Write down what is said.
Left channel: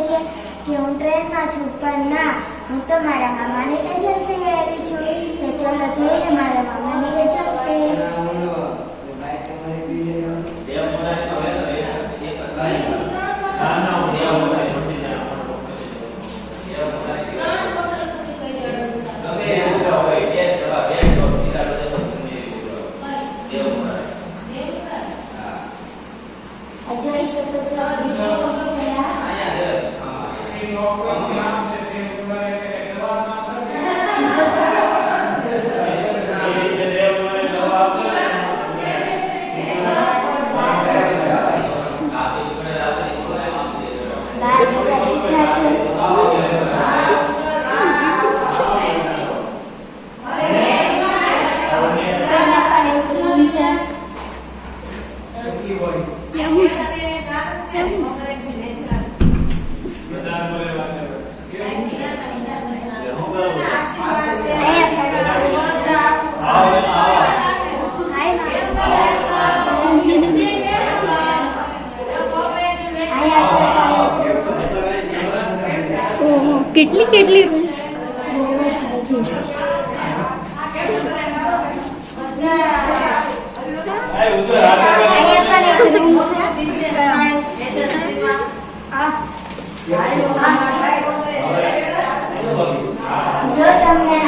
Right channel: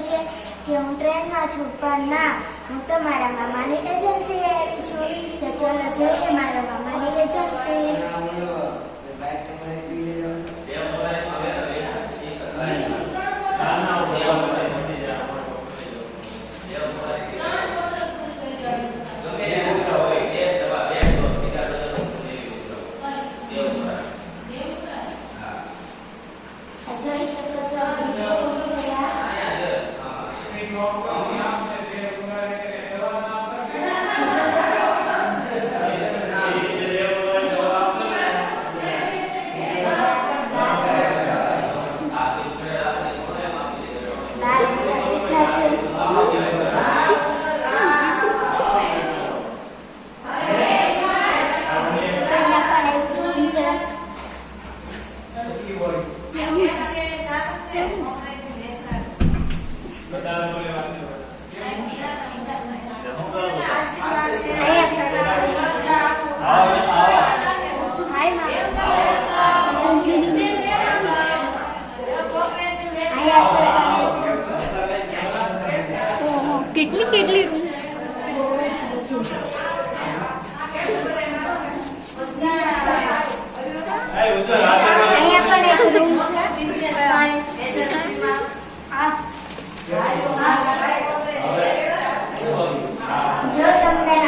જશે કે હું ટ્રેનમાં છું, પણ ના, હું તો મારા મામાની એજન્સી આવી છું. તો ચલો જોઈએ મારા મામાની એજન્સી. જોઈ શકો છો બીજે કોણ છે આ? બાર બધા બેઠા છે. પેલા પણ એક રૂમ છે. કેટલી કેટલી રૂમ છે? જો તમને